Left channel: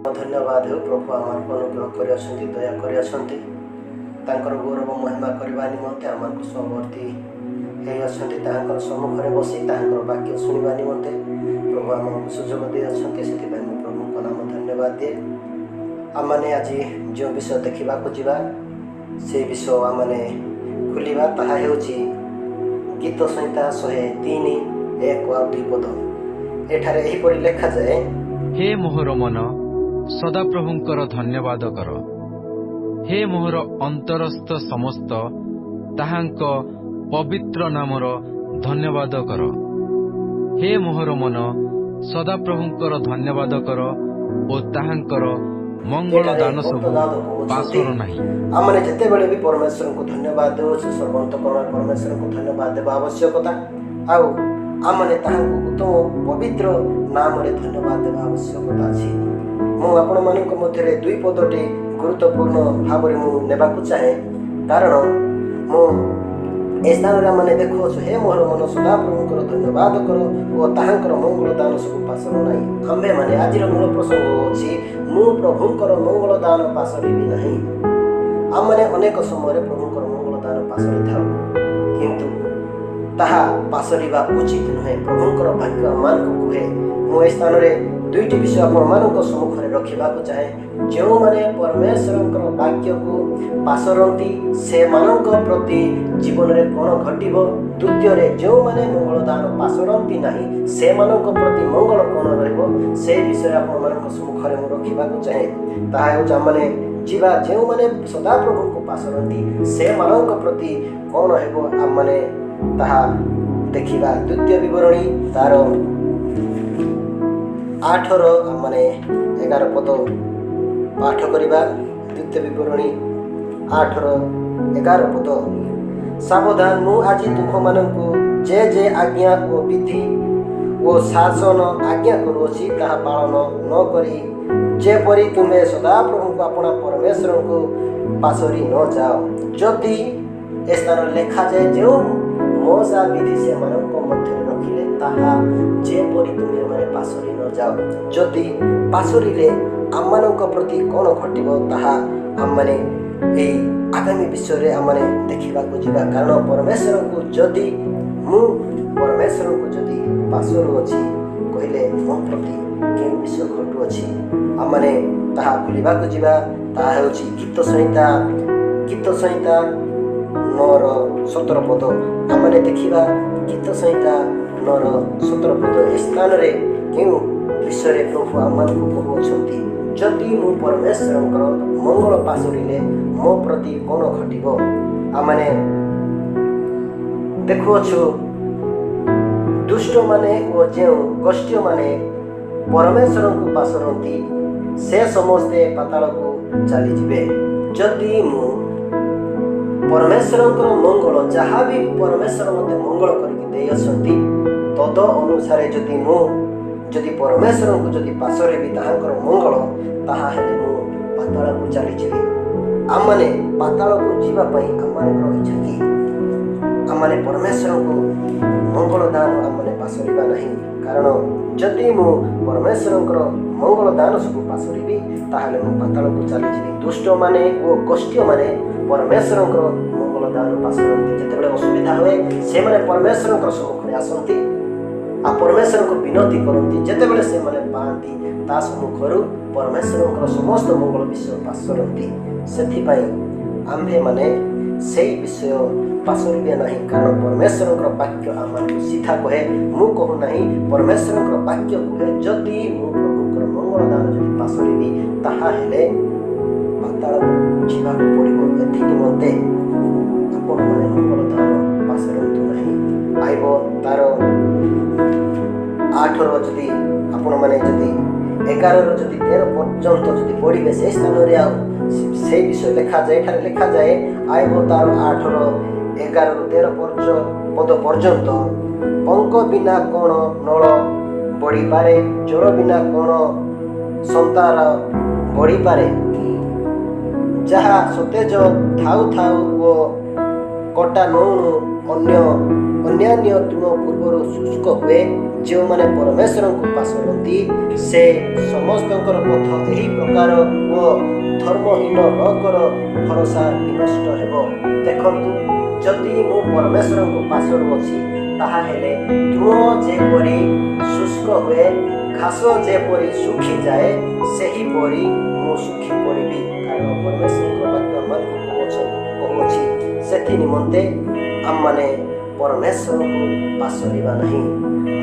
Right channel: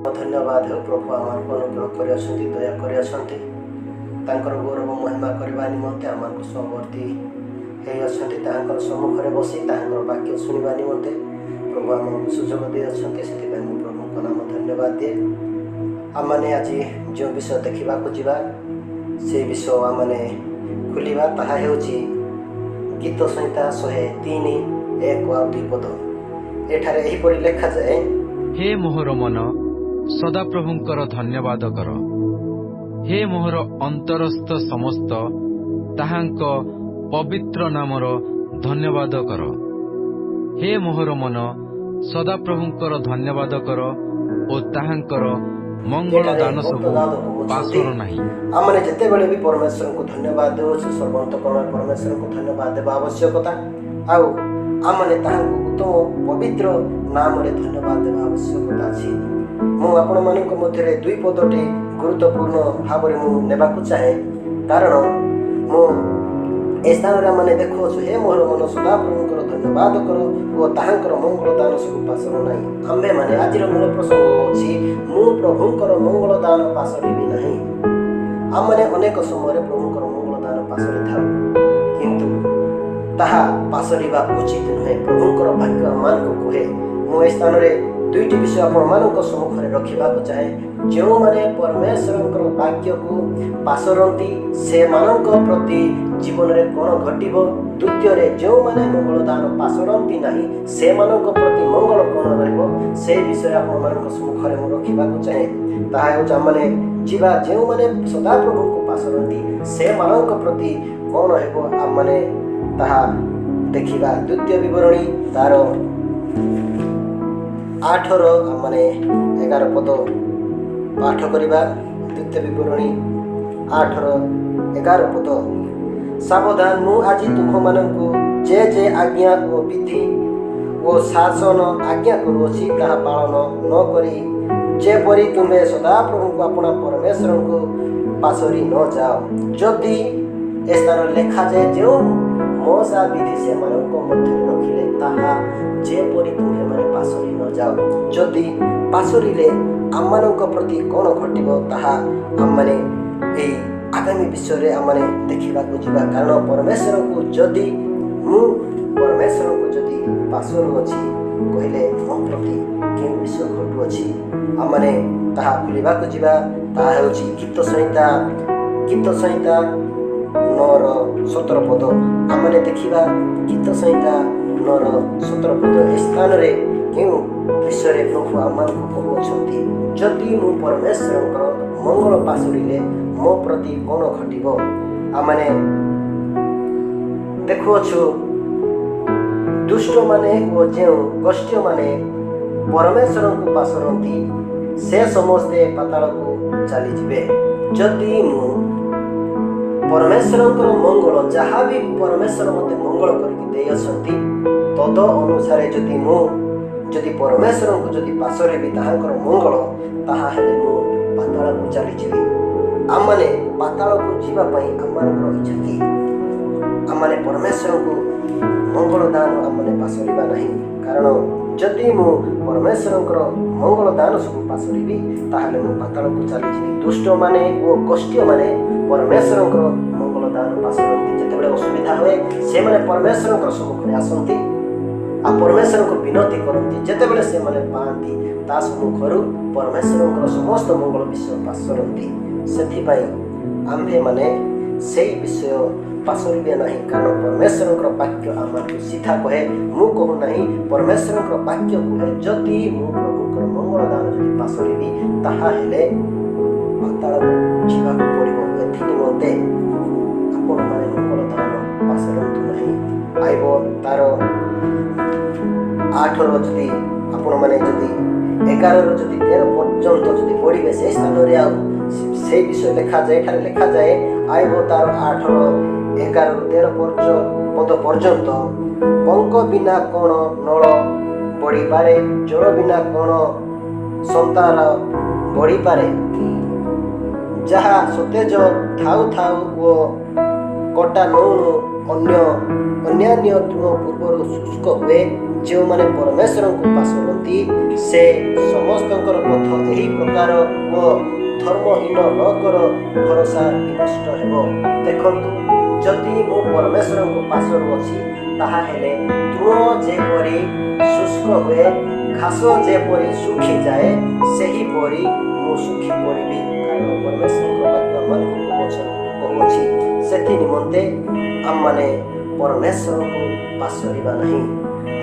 धन्यवाद हो प्रभु आमको अनुग्रह कर दया कर गौरव महिमा करने निमंते आमको सहवर्ती हो सम्मुखें बसी वाक्य शुणा निमंते प्रभु आमको सुजोग दे से प्रभु नाम धन्यवाद दिए। आम आज जो विषय देखा जा से विषय आम खोलिबा ताहा हेउची गीत संहिता 103:1-2 पद। एठारे एहिपरि लेखा जाए, हे मोहर मन सदाप्रभुंकर धन्यवाद कर, हे मोहर अंतरस्थ समस्त ताहांक पवित्र नामर धन्यवाद कर। हे मोहर मन सदाप्रभुंकर धन्यवाद कर ओ ताहांकर मंगल दान सब पासर नाही। आमने जिते बड़े भी परमेश्वर को धन्यवाद देव सर्वंतकरण परमेश्वर को धन्यवाद देवा आवश्यकता आउ आमने ताहांको उत्तम पवित्र नाम रे धन्यवाद देवा आवश्यकता अछि। मु आपण मानक मध्यरे दुई पदटी गुरुत्वपूर्ण भाव रे मु नेबाकु चाहे, कारण मु ए स्थान रे माने देखो हे मोहर मन सदा प्रभुंकर धन्यवाद कर ओ ताहांकर मंगल दान सब पासर नाही। आम्भे माने आजिर मूल प्रसंग अछि मु प्रभुंकर मंगल दान पासरिबि नाही। आमने अनेक समय प्रभुंकर मंगल दान पासरे थाउ, किंतु ताहा पासरिबा उचित नुहे। प्रभुंकर भाग्य आमान को कहे मु ए स्थान रे दुईटी विषय आपण मानक सम्मुखरे रखिबाकु चाहे। जो माने परमेश्वरंकर वाक्य को पासरंती से मानक प्रति जीवन रे कोन घटिबो। द्वितीय रे जो माने मंगल दान पासरंती नाही से मानक प्रति मंगल कोन रहइबो से विषय आपण मानक सम्मुखरे मु रखिबाकु चाहे। ताहा हो जामने जीवा जो माने सदा प्रभु को पासरंती से मानक प्रति कोन हेबो आम माने ताहा देखिबा। द्वितीय विवरणी तार 8 माने 11 पद पाठ करिबा। द्वितीय विवरणी 8:11 पद। सावधान मु आज तुम मानकु जे जे आज्ञा ओ विधि ओ शासन आज्ञा करूछि ताहा पालन न करी जेपरी तुम्हें सदा प्रभु को अपना परमेश्वर को पासरी न जाओ। जदि ए स्थान लेखा जाए जो मोसा विधि से मानक मध्य रखिले ताहा जेपरी तुम्हें माने पासरी न जाओ। जदि पासरिले आममानक प्रति कौन घटिबो ताहा आम माने ए आगामी विषय रे आम माने देखिबा को जिबा। कारण परमेश्वर को जदि मु परमेश्वर को जदि पासरु अछि कहले मो प्रति के विषय घटु अछि आम माने ताहा खुलिबा को जिबा। ताहा हेउछि गीत संहिता 9:17 पद। आम माने देखिबा गीत संहिता 9:17 पद। स्थान रे केउ विषय रे प्रभु आमान को कहउछंती जदि मु परमेश्वरंकर मंगल पासरिले मो प्रति कोन घटिबो। आ माने देखुछु दुष्ट माने ओ जेउ गोष्ठी माने परमेश्वर को पासरंती से समस्ते पाताल को चली जिवे। जदि मु परमेश्वरंकर मंगल जहाँ भी परमेश्वर मते मंगल करके दे असंती तद अनुसार जदि परमेश्वर को जदि पासरे भी ताहांकर मंगल ताहा हेले मु पाताल को चली जिवे। आम माने पाताल को जीवा पई आमर इच्छा कि आम माने परमेश्वर को मंगल दान आम माने पासरिबा नहीं। कारण जदि मु परमेश्वरंकर मंगल दान सब पासरिबी ताहाले मु पाताल को चली जिवी। दुष्ट माने ओ गोष्ठी माने परमेश्वरंकर मंगल दान पासरंती जेतेबेले असुविधा हुए से माने परमेश्वरंकर सम्मुखरे आसंती आ परमेश्वर को विनती करती। जेतेबेले से माने पांती ता सम्मुखरु परमेश्वरंकर समस्त मंगल विषय पासरंती। सेथिपाई आम्भे माने सेई विषय पासरिबे नहीं। कारण परमेश्वरंकर वाक्य आमको सीधा कहे मु कहू नहीं। परमेश्वरंकर वाक्य कहे जदि मु प्रभुंकर मंगल दान जदि पासरिबी ताहा हेले पाताल को जीवाक पड़िबो। एथि निमंते आपण माने मंगल दान पासरंतु नहीं। आइबो तार 8 जदि आपण माने जदि 11 जदि 13 पर्यंत जदि पढ़िबे से स्थान रे आ से विषय लिखा जाए। एठारे लिखा जाए आइबो तार 8:11-13 पद पर्यंत। पंक बिना कोण नळ बढ़ी पारे, जल बिना कोण संतार बढ़ी पारे। जहा सतेज थाउ थाउ ओ कटा नौनु अन्यान्य तृण पूर्वर शुष्क हुए ଯେଉଁମାନେ ପରମେଶ୍ୱରଙ୍କୁ ପାଶରନ୍ତି ସେ ସମସ୍ତଙ୍କର ପଥ ଏହି ପ୍ରକାର ଓ ଧର୍ମହୀନ ଲୋକର ଭରସା ବିନଷ୍ଟ ହେବ। ଦେଖନ୍ତୁ, ଯଦି ମୁଁ ପରମେଶ୍ୱରଙ୍କୁ ପାଶରୁଅଛି, ତାହାହେଲେ ତୃଣ ଯେପରି ଶୁଷ୍କ ହୁଏ, ଘାସ ଯେପରି ଶୁଖିଯାଏ, ସେହିପରି ମୁଁ ଶୁଖି ପଡ଼ିବି। କାରଣ ପରମେଶ୍ୱରଙ୍କ ବାକ୍ୟ ଆମମାନଙ୍କୁ କହୁଅଛି, ସେଥି ନିମନ୍ତେ ଆମମାନେ ପରମେଶ୍ୱରଙ୍କୁ ପାଶରିବା ନାହିଁ।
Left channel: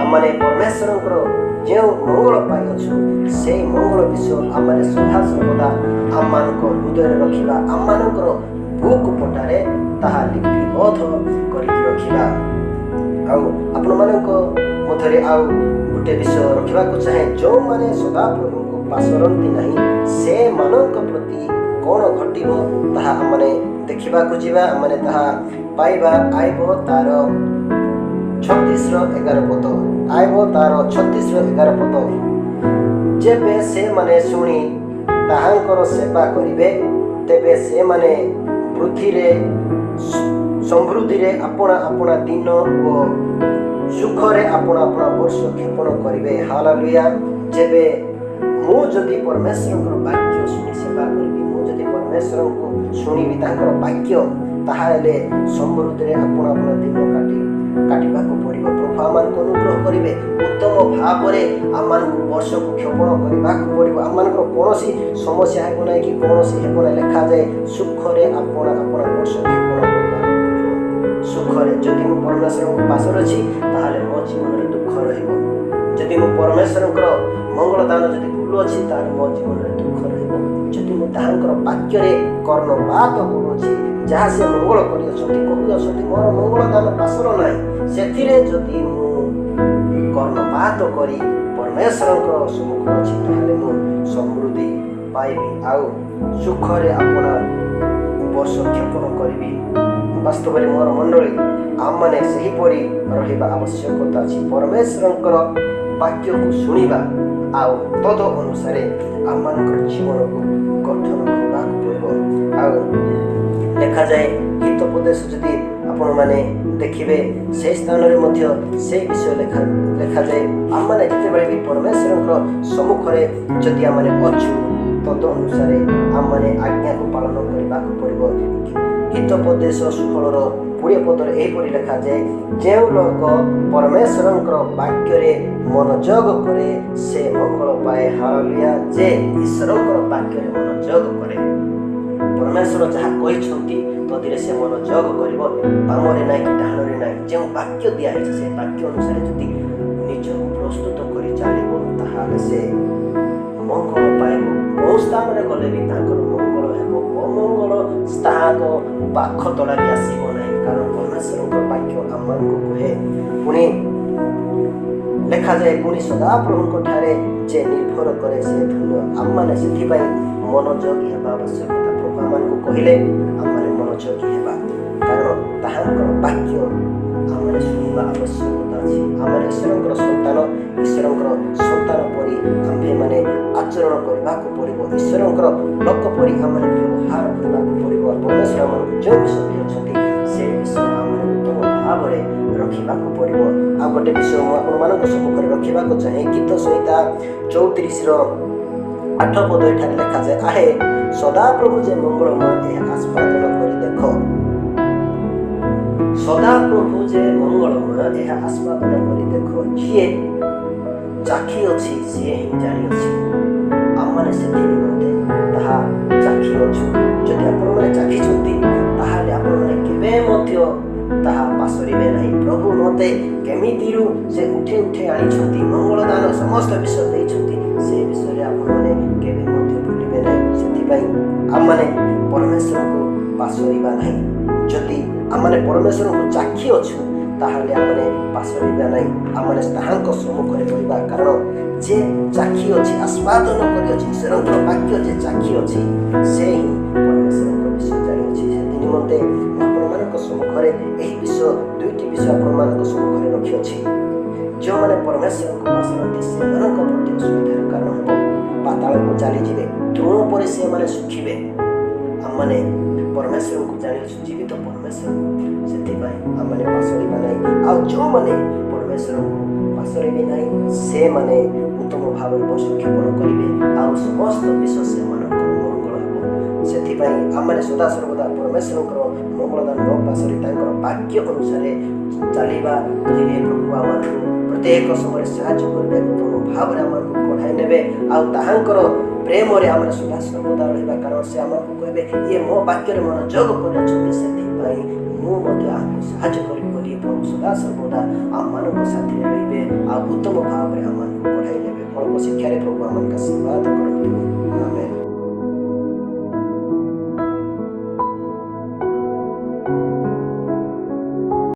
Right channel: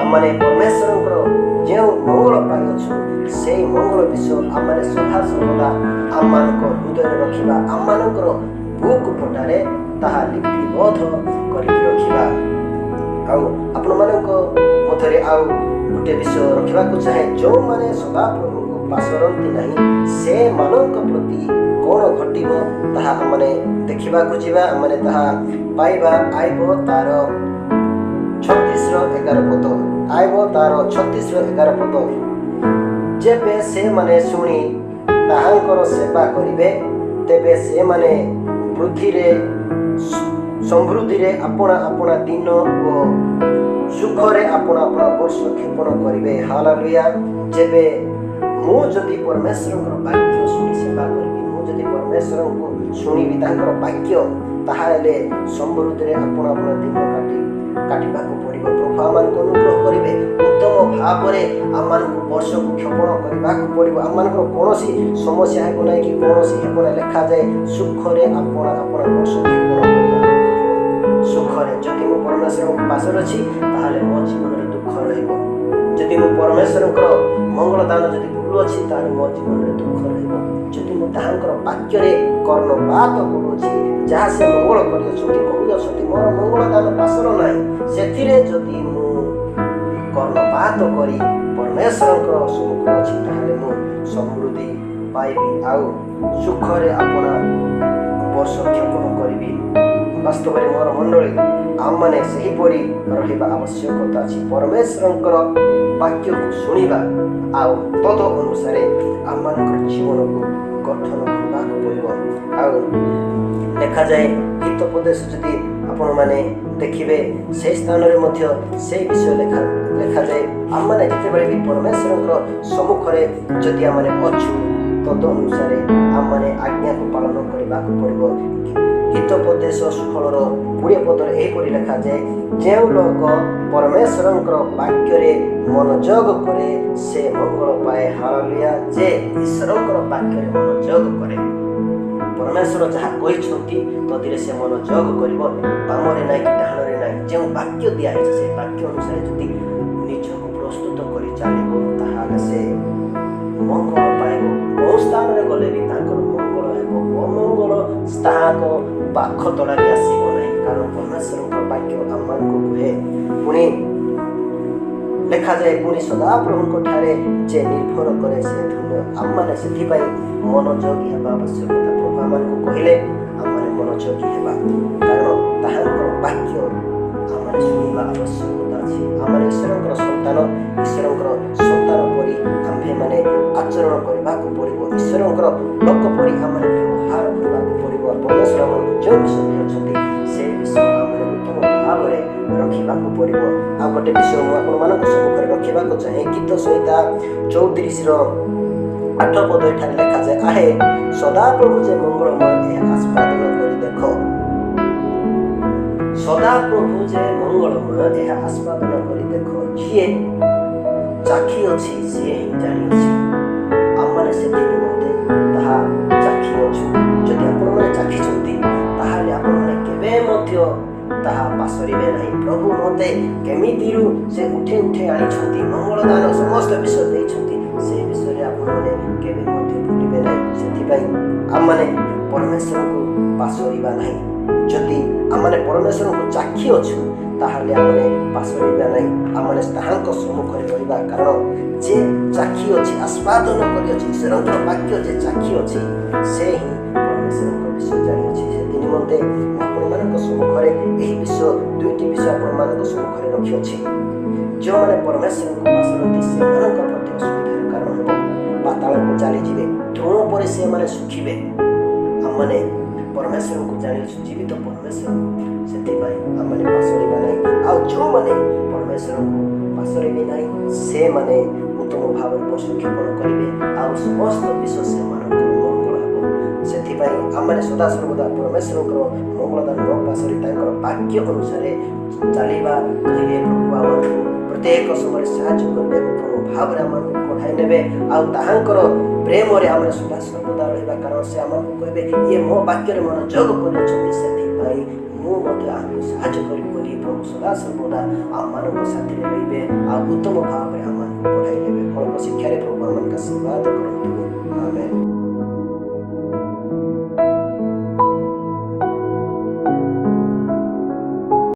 ଆମମାନେ ପରମେଶ୍ୱରଙ୍କର ଯେଉଁ ମଙ୍ଗଳ ପାଇଅଛୁ, ସେହି ମଙ୍ଗଳ ବିଷୟ ଆମମାନେ ସଦାସର୍ବଦା ଆମମାନଙ୍କ ହୃଦୟରେ ରଖିବା, ଆମମାନଙ୍କର ବୁକ୍ ପଟାରେ ତାହା ଲିପିବଦ୍ଧ କରିକି ରଖିବା। ଆଉ ଆପଣମାନଙ୍କ ମଧ୍ୟରେ ଆଉ ଗୋଟେ ବିଷୟ ରଖିବାକୁ ଚାହେଁ, ଯେଉଁମାନେ ସଦାପ୍ରଭୁଙ୍କୁ ପାଶରନ୍ତି ନାହିଁ, ସେମାନଙ୍କ ପ୍ରତି କ'ଣ ଘଟିବ ତାହା ଆମମାନେ ଦେଖିବାକୁ ଯିବା। ଆମମାନେ ତାହା ପାଇବା ଆଇବ ତାର 36-11 ପଦ। ଆଇବ ତାର 36-11 ପଦ। ଯେବେ ସେମାନେ ଶୁଣି ତାହାଙ୍କର ସେବା କରିବେ, ତେବେ ସେମାନେ ସମୃଦ୍ଧିରେ ଆପଣା ଆପଣା ଦିନ ଓ ସୁଖରେ ଆପଣା ଆପଣା ବର୍ଷ କ୍ଷେପଣ କରିବେ। ହାଲେଲୁୟା। ଯେବେ ମୁଁ ଯଦି ପରମେଶ୍ୱରଙ୍କର ବାକ୍ୟ ଶୁଣି ସେବା କରିବି, ମୁଁ ଯଦି ପରମେଶ୍ୱରଙ୍କୁ ଶୁଣିବି ତାଙ୍କର ବାକ୍ୟ, ତାହେଲେ ସମୃଦ୍ଧିରେ ଆପଣା ଆପଣା ଦିନ କାଟିବାକୁ ପଡ଼ିବ। ପ୍ରଭୁ ଆମମାନଙ୍କୁ ଅନୁଗ୍ରହ କରିବେ। ଉତ୍ତମ ଭାବରେ ଆମମାନଙ୍କୁ ବର୍ଷକୁ କ୍ଷେପଣ କରିବାକୁ ପଡ଼ିବ। ଆମମାନଙ୍କର କୌଣସି ସମସ୍ୟା ହେବ ନାହିଁ କି କୌଣସି ହେବ ନାହିଁ। ଲେଖାଯାଏ ସୁଖରେ ଆପଣା ଆପଣା ବର୍ଷ କ୍ଷେପଣ କରିବାକୁ ପଡ଼ିବ। ସୁଖରେ। ଯଦି ମୁଁ ପରମେଶ୍ୱରଙ୍କୁ ପାଶରେ ଅଛି, ତାହେଲେ ମୋ ଜୀବନରେ ଦୁଃଖ ରହିବ। ଯଦି ମୁଁ ପରମେଶ୍ୱରଙ୍କର ମଙ୍ଗଳ ଦାନ ଯଦି ଭୁଲୁଅଛି, ତାହେଲେ ମୋ ଜୀବନରେ ଦୁଃଖ ରହିବ। ଯଦି ମୁଁ ତାହାଙ୍କର ବାକ୍ୟରେ କର୍ଣ୍ଣପାତ କରୁଅଛି, ଯାହା ସେ ମଙ୍ଗଳ କରିଅଛନ୍ତି, କହୁଅଛନ୍ତି ମୋର ମଙ୍ଗଳ ଦାନ ପାଶର ନାହିଁ, ସେଥିରେ ଯଦି ମୁଁ କର୍ଣ୍ଣପାତ କରି ପରମେଶ୍ୱରଙ୍କର ସମ୍ମୁଖରେ ଅଛି, ତାହେଲେ ମୁଁ ସମୃଦ୍ଧି ପାଇବି ଆଉ ସୁଖରେ ଆପଣା ବର୍ଷ କ୍ଷେପଣ କରିବି। ବାସ୍ତବରେ ମୋର ମଣ୍ଡଳୀ, ଆମମାନେ ସେହିପରି ରହିବା ଆବଶ୍ୟକତା ଅଛି। ପରମେଶ୍ୱରଙ୍କର ବାକ୍ୟକୁ ଶୁଣିବା ଆଉ ତଦ ଅନୁସାରେ ଆମମାନଙ୍କର ଜୀବନକୁ ଗଠନ କରିବାକୁ ପଡ଼ିବ। ଆଉ ଲେଖାଯାଏ ହିତୋପଦେଶ, ଯଦି ଆପଣମାନେ ଦେଖିବେ ସେହି ସ୍ଥାନରେ ମଧ୍ୟ ସେହି ବିଷୟ ଲେଖାଯାଏ। ଆମମାନେ ଯେତେବେଳେ ବି ପରମେଶ୍ୱରଙ୍କର ସମ୍ମୁଖରେ ଯଦି ଆମମାନେ ଅଛୁ, ତଦ ଅନୁସାରେ ଆମମାନେ ଆଜ୍ଞାକୁ ପାଳନ କରିବାକୁ ପଡ଼ିବ। ହିତୋପଦେଶ 16-20 ପଦରେ ଏହିପରି ଲେଖାଯାଏ, ଯେଉଁ ଲୋକ ପରମେଶ୍ୱରଙ୍କର ବାକ୍ୟରେ ମନୋଯୋଗ କରେ ସେ ମଙ୍ଗଳ ପାଏ। ହାଲେଲୁୟା। ଯେ ଈଶ୍ୱରଙ୍କର ବାକ୍ୟରେ ମନୋଯୋଗ କରେ, ପରମେଶ୍ୱର ଯାହା କହିଛନ୍ତି ତଦିରେ ସେ ମନୋଯୋଗ କରିବ, ବାମରେ ନାହିଁ କି ଡାହାଣରେ ନାହିଁ। ଯେଉଁ ବାକ୍ୟ ଦିଆହେଇଛି ସେ ବାକ୍ୟ ଅନୁସାରେ ଯଦି ନିଜକୁ ପ୍ରସ୍ତୁତ କରି ଚାଲିବ, ତାହେଲେ ସେ ମଙ୍ଗଳ ପାଇବ। କେଉଁ ସ୍ଥାନରେ ଗଲେ ବି ତାଙ୍କର ମଙ୍ଗଳ ହେବ। ଅମଙ୍ଗଳ ତାହାଙ୍କ ପାଖ ତଳା ବି ଆସିବ ନାହିଁ, କାରଣ ପରମେଶ୍ୱରଙ୍କର ବାକ୍ୟ ଆମମାନଙ୍କୁ କୁହେ। ପୁଣି ଲେଖାଯାଏ, ପୁଣି ସଦାପ୍ରଭୁଙ୍କ ଠାରେ ଯେ ନିର୍ଭର କରେ ସେ ଧନ୍ୟ। ଆମମାନେ ସେଥିପାଇଁ ମନୋଯୋଗୀ ହେବା ଆବଶ୍ୟକତା। ପ୍ରଭୁ ଆମମାନଙ୍କୁ କହିଲେ ଆମମାନେ ମନୋଯୋଗୀ ହେବା, କାରଣ ତାହାଙ୍କର ବାକ୍ୟ ଆମମାନେ ଶୁଣିବା ଆବଶ୍ୟକତା ଅଛି। ଆମମାନେ ଈଶ୍ୱରଙ୍କର ସନ୍ତାନ ପରି ଆମ୍ଭେମାନେ ଆଚରଣ କରିବାକୁ ପଡ଼ିବ। ଈଶ୍ୱରଙ୍କର ଲୋକ ପରି ଆମମାନେ ବ୍ୟବହାର କରିବାକୁ ପଡ଼ିବ। ପରମେଶ୍ୱର ଆମମାନଙ୍କୁ ଯେଉଁ ବିଷୟ ଦେଇଅଛନ୍ତି ସେ ବିଷୟ ଆମମାନେ ଉତ୍ତମ ଭାବରେ ରଖିବାକୁ ପଡ଼ିବ। ଆଉ ଗୋଟେ ବିଷୟ ମୁଁ ଆପଣମାନଙ୍କ ସମ୍ମୁଖରେ ରଖିବାକୁ ଚାହେଁ। ଗୀତ ସଂହିତା 34-8 ପଦ ଏଠାରେ ଲେଖାଯାଏ, ଆହେ ସଦାପ୍ରଭୁ ଯେ ମଙ୍ଗଳମୟ ଏହା ଆସ୍ୱାଦନ କରି ଦେଖ। ସଦାପ୍ରଭୁ ଯେ ମଙ୍ଗଳମୟ ଏହା ଆସ୍ୱାଦନ କରି ଦେଖ। ଯିଏ ଚାଖି ଅଛି ସିଏ ହିଁ ଜାଣିଅଛି। ଆମମାନେ ସେଥି ନିମନ୍ତେ ତାହା ଚାଖିଅଛୁ। ଯଦି ଆପଣମାନେ ଚାଖିଛନ୍ତି, ତାହେଲେ ଆପଣମାନେ କେବେ ମଧ୍ୟ ତାହା ପାଶରିବେ ନାହିଁ। ପ୍ରଭୁ ମୋତେ କେମିତିରୁ ସେ ଉଠେଇ ଆଣିଛନ୍ତି, ମଙ୍ଗଳ ଦାନ ସମସ୍ତ ବିଷୟ ଦେଇଛନ୍ତି, ସେ ବିଷୟରେ ଆପଣମାନେ କେବେ ମଧ୍ୟ ଭୁଲିବେ ନାହିଁ। ସେଥିପାଇଁ ଆମମାନେ ପରମେଶ୍ୱରଙ୍କୁ ପାଶରିବା ନାହିଁ। ଯଦି ଆମମାନେ ପରମେଶ୍ୱରଙ୍କୁ ଚାଖି ଅଛୁ, ତାହେଲେ ଆମମାନେ ପାଶରିବା ନାହିଁ। ଆମମାନେ ତାହାଙ୍କ ସମ୍ମୁଖରେ ରହିବା, କାରଣ ଯେ ଚାଖି ଅଛି, ଆସ୍ୱାଦନ କରିଅଛି, ଈଶ୍ୱରଙ୍କର ବାକ୍ୟ ଯେ ଚାଖି ଅଛି, ସେ ହିଁ ପରମେଶ୍ୱରଙ୍କ ବିଷୟ ଜାଣିଅଛି। ସେଥି ନିମନ୍ତେ ଆପଣମାନଙ୍କ ସମ୍ମୁଖରେ ଏହି ବିଷୟ, ଦୁଇଟି ବିଷୟ ଆପଣମାନଙ୍କ ସମ୍ମୁଖରେ ରଖିଅଛି। ଯେଉଁମାନେ ପରମେଶ୍ୱରଙ୍କୁ ପାଶରନ୍ତି ସେମାନଙ୍କ ପ୍ରତି ଅସୁବିଧାର କାରଣ ହେବ। ପାତାଳକୁ ଚାଲିଯିବେ, ତୃଣ ପରି ସେମାନେ ଶୁଖିବେ। ଆମମାନେ ପରମେଶ୍ୱରଙ୍କୁ ଜାଣିଅଛୁ, ଜୀବିତ ପରମେଶ୍ୱରଙ୍କୁ। ସେଥିପାଇଁ ଆମମାନେ ପାଶରିବା ନାହିଁ। ଆଉ ଯେଉଁମାନେ ପରମେଶ୍ୱରଙ୍କୁ ପାର୍ଶ୍ୱରେ ବି ନାହିଁ, ସେମାନେ ଉତ୍ତମ ଭାବରେ ପଶୁକ୍ଷେପଣ କରିବେ ଆଉ ସମସ୍ତ ବିଶ୍ୱ ସେମାନଙ୍କର ମଙ୍ଗଳ ହେବ। ସେଥିପାଇଁ ଆମମାନେ ସଦାସର୍ବଦା ପରମେଶ୍ୱରଙ୍କର ମଙ୍ଗଳଦାନ ନ ପାଶରେ ତାଙ୍କର ବାକ୍ୟ ଅନୁସାରେ ଚାଲିବା ଧରିଲେ ପ୍ରଭୁ ଆମମାନଙ୍କୁ ପ୍ରତ୍ୟେକ ସମୟରେ ସାହାଯ୍ୟ କରିବେ, ଉତ୍ତମ ଭାବରେ ଆମମାନଙ୍କୁ କଢ଼ାଇ ନେବେ ଆଉ ତାହାଙ୍କର ପ୍ରେମରେ ଆମେ ସଦାସର୍ବଦା ରହିବା। କାରଣ ସେ ଆମକୁ କହିବେ ଇଏ ମୋ ବାକ୍ୟରେ ମନୋଯୋଗ କରିଅଛନ୍ତି, ସେଥିପାଇଁ ମୁଁ ମଧ୍ୟ ଆମକୁ ସାହାଯ୍ୟ କରିବି ବୋଲି ପ୍ରଭୁ ସଦାସର୍ବଦା ଆମମାନଙ୍କ ସାଥିରେ ରହିବେ ଆଉ ଉତ୍ତମ ଭାବରେ ଆମମାନଙ୍କୁ କଢ଼ାଇ ନେବେ। ଅଳ୍ପ ଶିକ୍ଷାରେ ପ୍ରଭୁ ଆମମାନଙ୍କୁ ଆଶୀର୍ବାଦ କରନ୍ତୁ। ଆମେନ୍।